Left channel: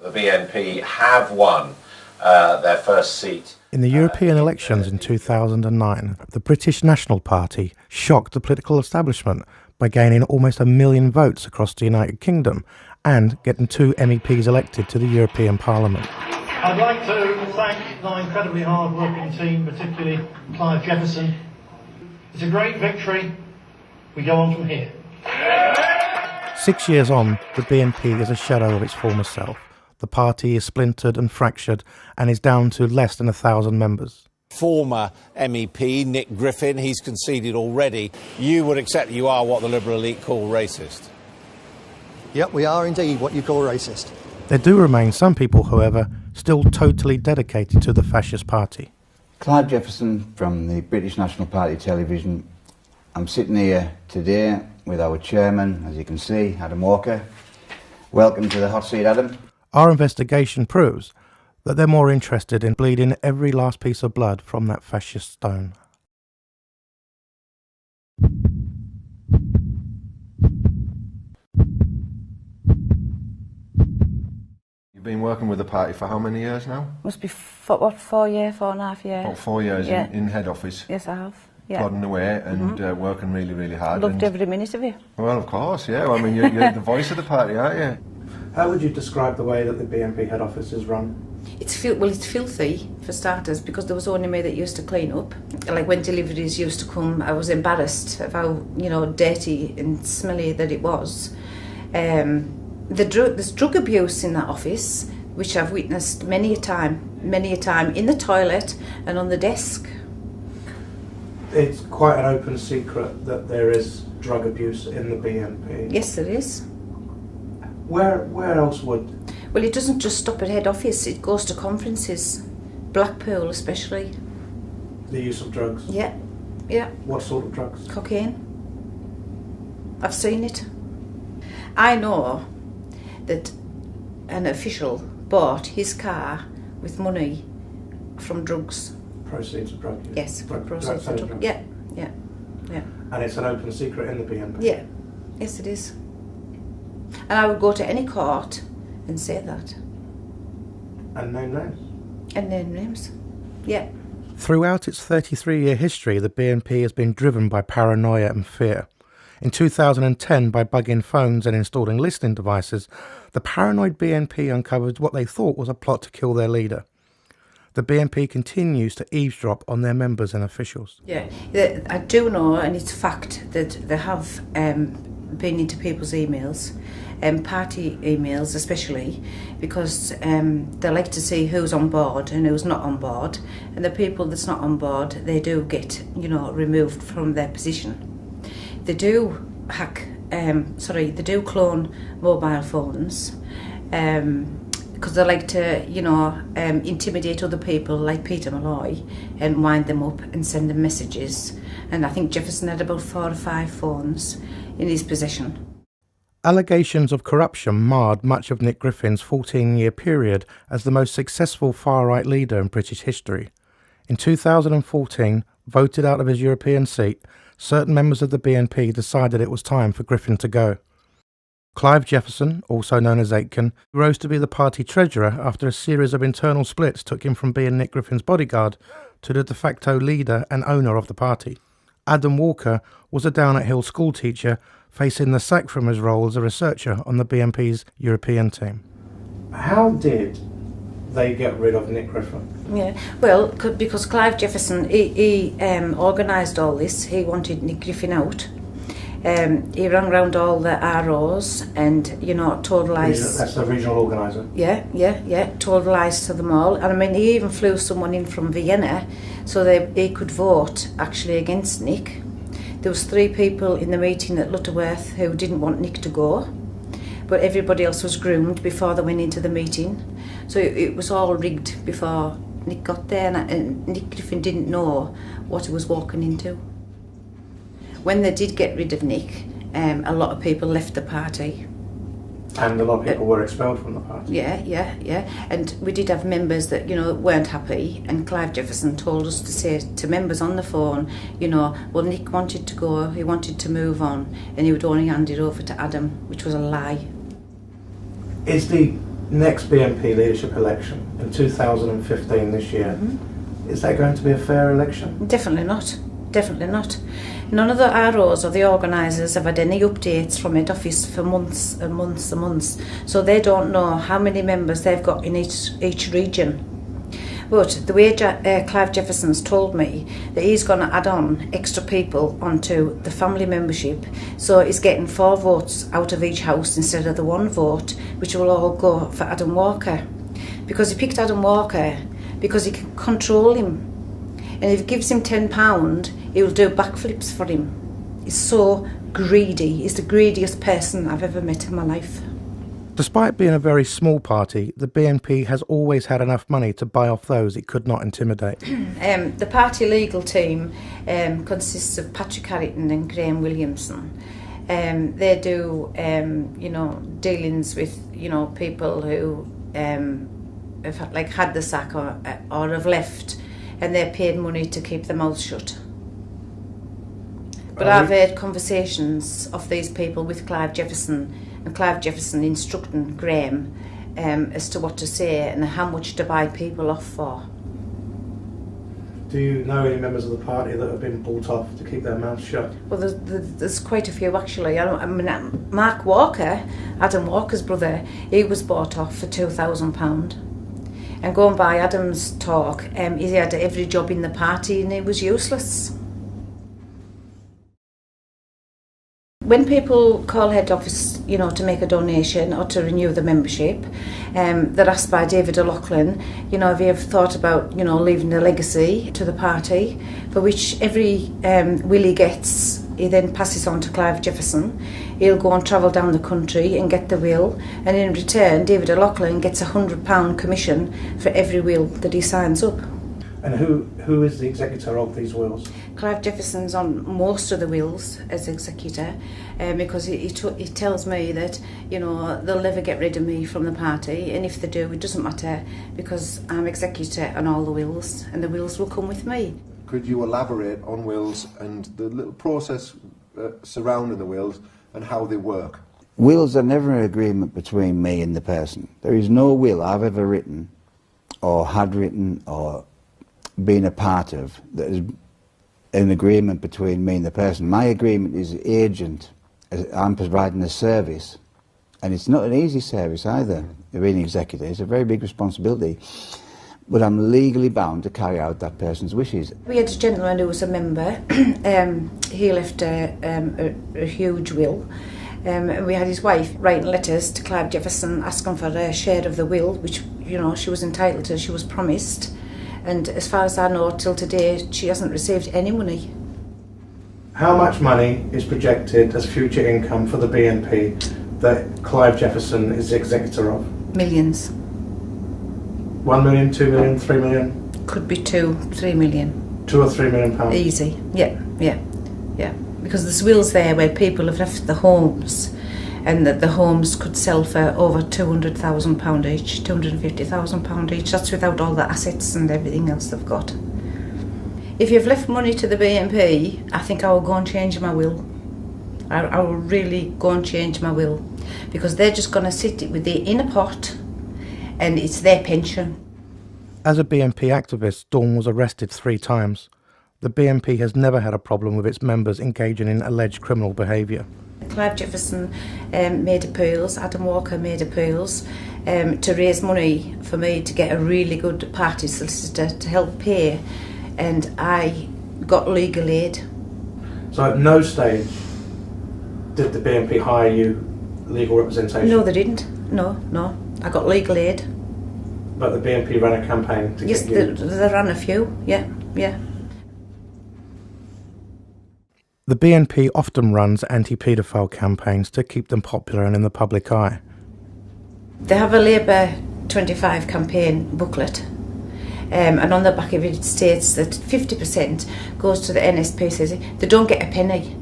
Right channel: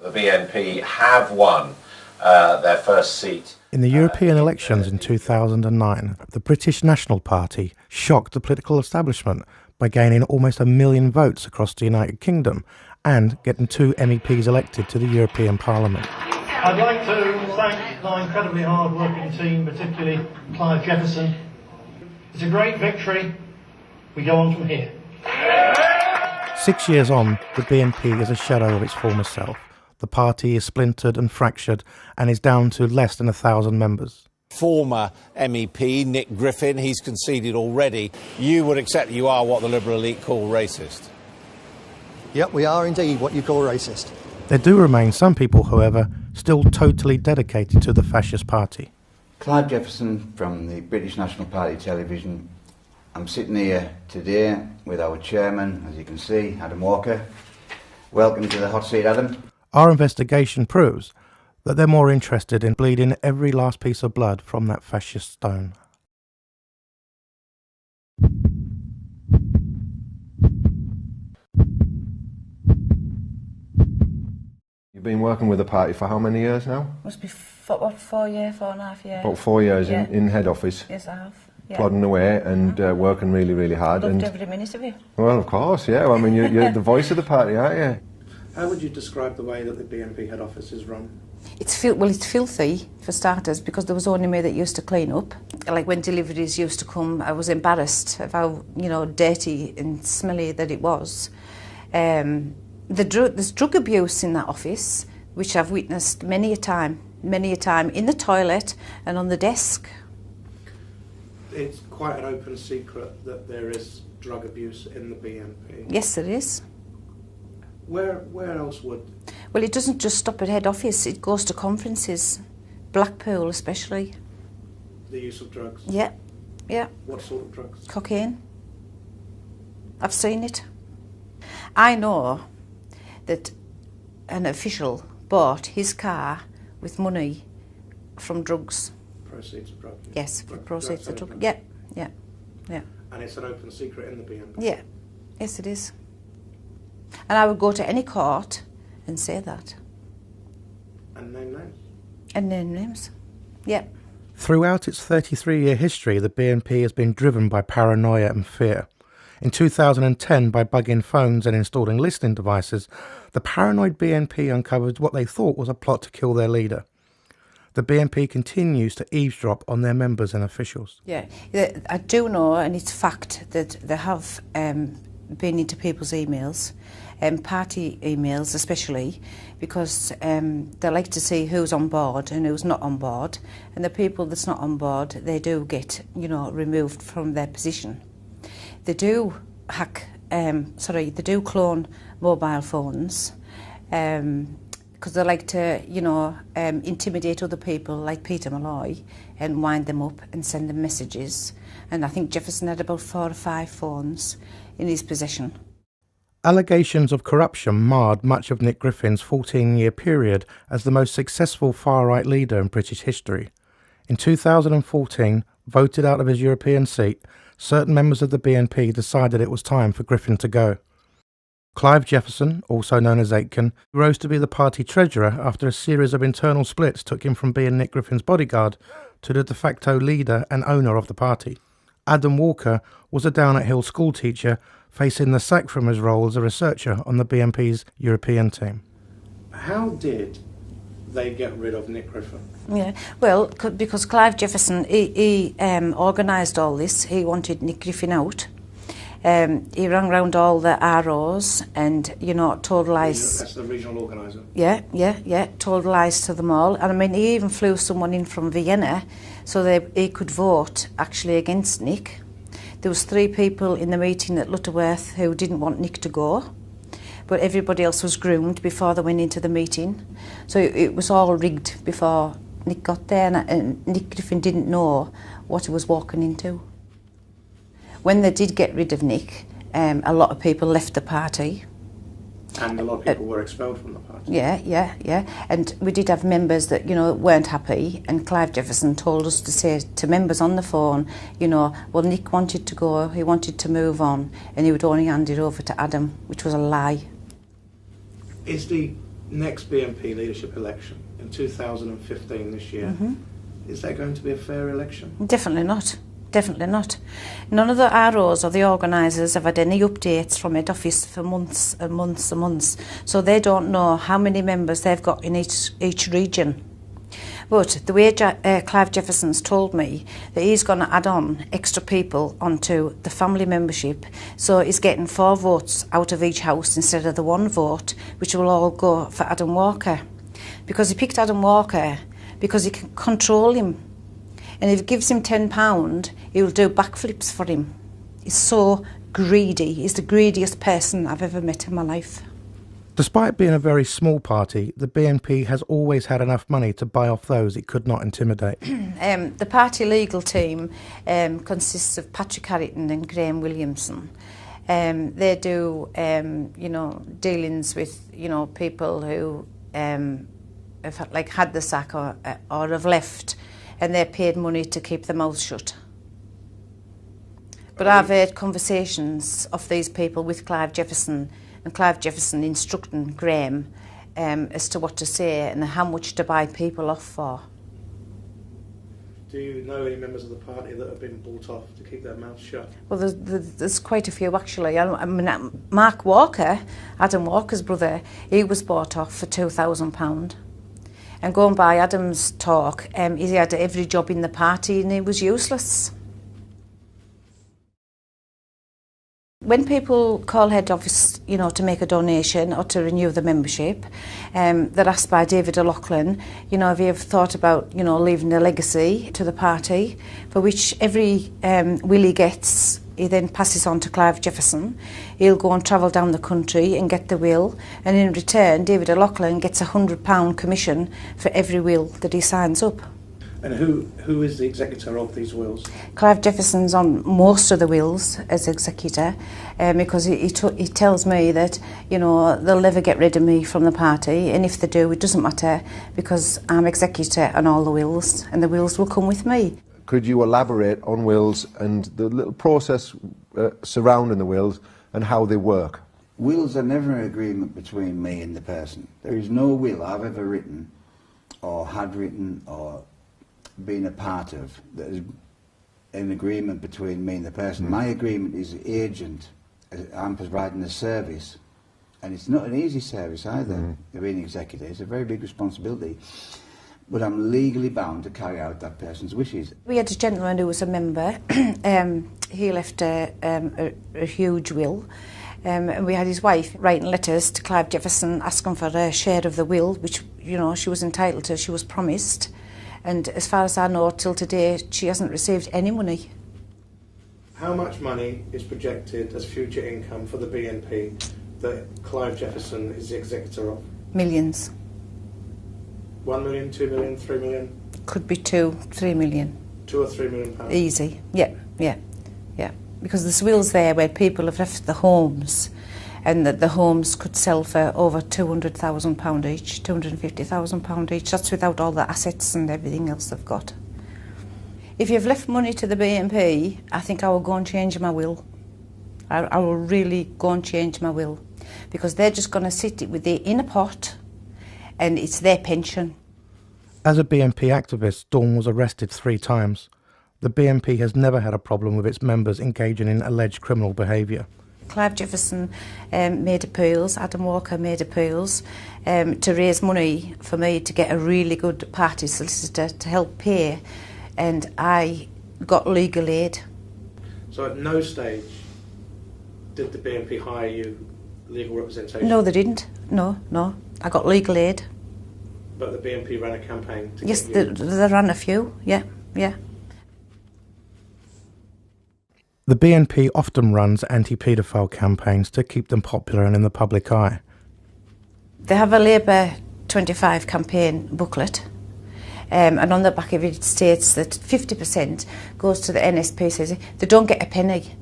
The BNP have won their first seat. In the European elections in 2009, the British National Party shocked the political establishment by gaining almost 1 million votes across the United Kingdom and getting 2 MEPs elected to the European Parliament. I'd like to thank my incredibly hard-working team, particularly Clive Jefferson. It's a great victory. We go on from here. 6 years on, the BNP is a shadow of its former self. The party is splintered and fractured and is down to less than 1,000 members. Former MEP Nick Griffin, he's conceded already. You would accept you are what the Liberal elite call racist? Yep, we are indeed what you call racist. There do remain some people, however, still totally dedicated to the fascist party. Clive Jefferson from the British National Party television. I'm sitting here today with our chairman, as you can see, Adam Walker. Welcome to the hot seat, Adam. Our investigation proves that they're more interested in bleeding every last piece of blood from that fascist stone. You've been working with the party for how many years now? Must be 4 years, 4.5 years. About 4 years in head office. Yes, I have. Yeah. Plodding away and working really, really hard. Loved every minute of it. Well, of course, yeah. I mean, you're the voice of the party, aren't you? How would you describe the way that the BNP head office is run? It's filthy, for starters, because there was only me that used to clean up. Like when deliveries used to come, I was embarrassed of how, dirty and smelly that it was. There's drug abuse in that office, which I've witnessed many a time, in the toilet and on the desk. It's quite an open secret that there is drug abuse in the BNP. Yes, there is. Where else would? Well, it doesn't just stop at head office, it goes to conferences, Blackpool especially. The use of drugs? Yeah. What sort of drugs? Cocaine. I've seen it. I know that an official bought his car with money from drugs. Proceeds of drugs? Yes, proceeds of drugs. Yeah. And it's an open secret in the BNP? Yeah, yes it is. And I would go to any court and say that. And name names? And name names, yeah. Throughout its 33-year history, the BNP has been driven by paranoia and fear. In 2010, by bugging phones and installing listening devices, the paranoid BNP uncovered what they thought was a plot to kill their leader. The BNP continues to eavesdrop on their members and officials. Yeah, I do know, and it's fact, that they have been into people's emails, party emails especially, because they like to see who's on board and who's not on board, and the people that's not on board, they do get, removed from their position. They do they do clone mobile phones, because they like to, intimidate other people like Peter Malloy and wind them up and send them messages. And I think Jefferson had about 4 or 5 phones in his possession. Allegations of corruption marred much of Nick Griffin's 14-year period as the most successful far-right leader in British history. In 2014, voted out of his European seat, certain members of the BNP decided it was time for Griffin to go. Clive Jefferson, also known as Aitken, rose to be the party treasurer after a series of internal splits took him from being Nick Griffin's bodyguard to the de facto leader and owner of the party. Adam Walker was a down-at-heel schoolteacher facing the sack from his role as a researcher on the BNP's European team. How did they get rid of Nick Griffin? Yeah, well, because Clive Jefferson, he organised all this. He wanted Nick Griffin out. He rang round all the ROs and, told lies. That's the regional organiser? Yeah, told lies to them all. And I mean, he even flew someone in from Vienna so they could vote actually against Nick. There was 3 people in the meeting at Lutterworth who didn't want Nick to go, but everybody else was groomed before they went into the meeting. So it was all rigged before Nick got there, and Nick Griffin didn't know what he was walking into. When they did get rid of Nick, a lot of people left the party. And a lot of people were expelled from the party. Yeah. And we did have members that, weren't happy, and Clive Jefferson told us to say to members on the phone, well, Nick wanted to go, he wanted to move on, and he would only hand it over to Adam, which was a lie. Is the Next BNP leadership election in 2015 this year, is that going to be a fair election? Definitely not. Definitely not. None of the ROs or the organisers have had any updates from head office for months and months and months, so they don't know how many members they've got in each region. But the way Clive Jefferson's told me that he's going to add on extra people onto the family membership, so he's getting 4 votes out of each house instead of the 1 vote, which will all go for Adam Walker. Because he picked Adam Walker because he can control him. And if he gives him £10, he will do backflips for him. He's so greedy. He's the greediest person I've ever met in my life. Despite being a very small party, the BNP has always had enough money to buy off those it could not intimidate. The party legal team consists of Patrick Harrington and Graham Williamson. They do, dealings with, people who have had the sack or have left, and they're paid money to keep their mouths shut. But I've heard conversations of these people with Clive Jefferson, and Clive Jefferson instructing Graham as to what to say and how much to buy people off for. Do you know any members of the party that have been bought off to keep their mouths shut? Well, there's quite a few actually. I mean, Mark Walker, Adam Walker's brother, he was bought off for £2,000. And going by Adam's talk, he had every job in the party and he was useless. When people call head office, to make a donation or to renew the membership, they're asked by David O'Loughlin, have you ever thought about, leaving a legacy to the party, for which every will he gets, he then passes on to Clive Jefferson. He'll go and travel down the country and get the will, and in return, David O'Loughlin gets £100 commission for every will that he signs up. And who is the executor of these wills? Clive Jefferson's on most of the wills as executor, because he tells me that they'll never get rid of me from the party, and if they do, it doesn't matter because I'm executor on all the wills, and the wills will come with me. Could you elaborate on wills and the little process surrounding the wills and how they work? Wills are never an agreement between me and the person. There is no will I've ever written or had written or been a part of that is an agreement between me and the person. My agreement is agent. I'm providing a service, and it's not an easy service either. Being executor, it's a very big responsibility, but I'm legally bound to carry out that person's wishes. We had a gentleman who was a member. He left a huge will, and we had his wife writing letters to Clive Jefferson asking for a share of the will, which she was entitled to, she was promised. And as far as I know, till today, she hasn't received any money. How much money is projected as future income for the BNP that Clive Jefferson is the executor of? Millions. 1 million, 2 million, 3 million? Could be 2-3 million. 2 or 3 million pounds? Easy, yeah. Because there's wills there where people have left the homes, and that the homes could sell for over £200,000 each, £250,000 each. That's without all the assets and everything else they've got. If you've left money to the BNP, I think I will go and change my will. I will really go and change my will, because they're just going to sit with it in a pot, and it's their pension. As a BNP activist, Dawn was arrested 3 times. The BNP has never had a problem with its members engaging in alleged criminal behaviour. Clive Jefferson made appeals, Adam Walker made appeals to raise money for me to get a really good party solicitor to help pay, and I got legal aid. So at no stage did the BNP hire you legal representation? No, they didn't. No. I got legal aid. But the BNP ran a campaign to get you? Yes, they ran a few, yeah. The BNP often runs anti-paedophile campaigns to keep them popular and in the public eye. They have a Labour 25 campaign booklet, and on the back of it states that 50% goes to the NSPCC. They don't get a penny.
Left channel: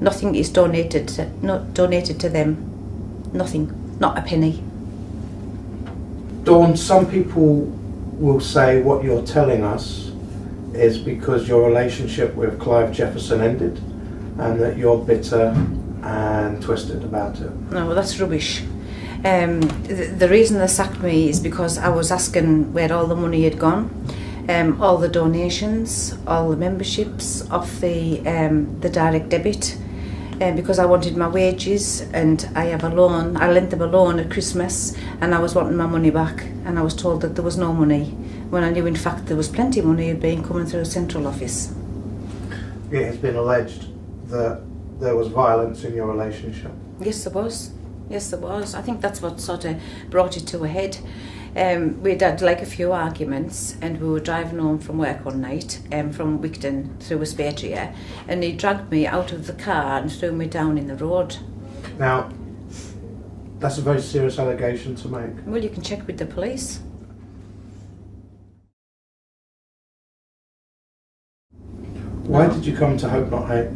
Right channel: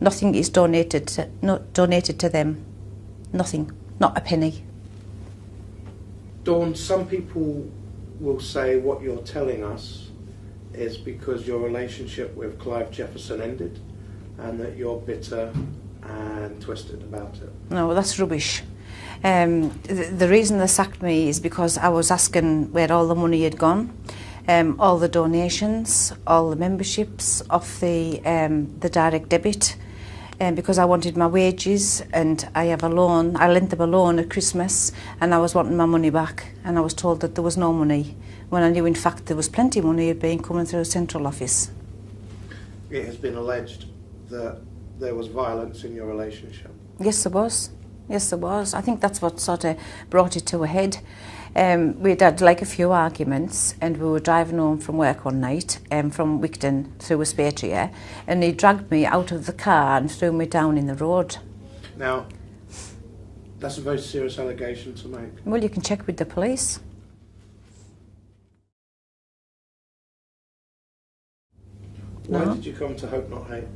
Nothing is donated to them. Nothing. Not a penny. Dawn, some people will say what you're telling us is because your relationship with Clive Jefferson ended, and that you're bitter and twisted about it. No, well, that's rubbish. The reason they sacked me is because I was asking where all the money had gone, all the donations, all the memberships of the direct debit, because I wanted my wages, and I have a loan. I lent them a loan at Christmas, and I was wanting my money back, and I was told that there was no money, when I knew in fact there was plenty of money had been coming through a central office. It has been alleged that there was violence in your relationship. Yes, there was. Yes, there was. I think that's what sort of brought it to a head. We'd had like a few arguments, and we were driving home from work one night from Wigton through Westpatria, and he dragged me out of the car and threw me down in the road. Now, that's a very serious allegation to make. Well, you can check with the police. Why did you come to Hope Not Hate?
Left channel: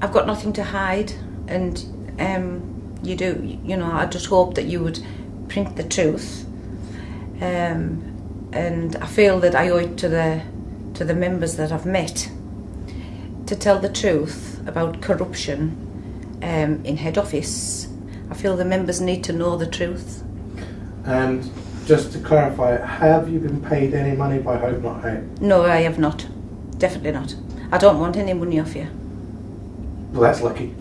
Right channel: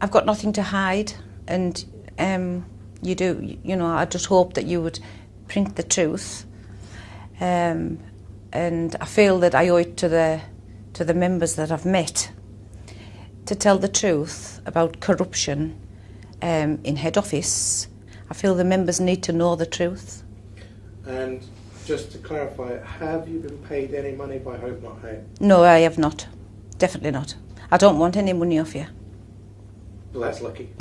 I've got nothing to hide, and I just hope that you would print the truth, and I feel that I owe it to the members that I've met to tell the truth about corruption in head office. I feel the members need to know the truth. And just to clarify, have you been paid any money by Hope Not Hate? No, I have not. Definitely not. I don't want any money off you. Well, that's lucky.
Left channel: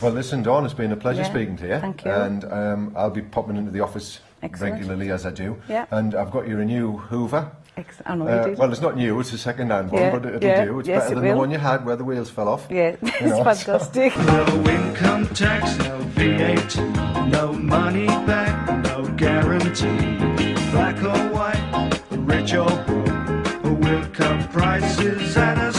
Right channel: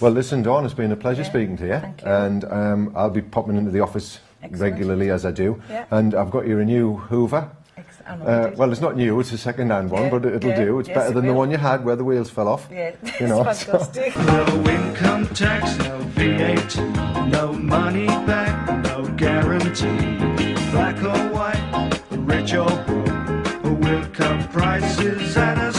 Well, listen, Dawn, it's been a pleasure Yeah, speaking to you. thank you. And I'll be popping into the office Excellent. regularly as I do. Yeah. And I've got you a new Hoover. I know you did. Well, it's not new, it's a second-hand one, Yeah, but it'll yeah, do. It's yes, better it than the will. one you had where the wheels fell off. Yeah, You know, it's fantastic. No income tax, no VAT, no money back, no guarantee. Black or white, rich or poor, we'll cut prices at a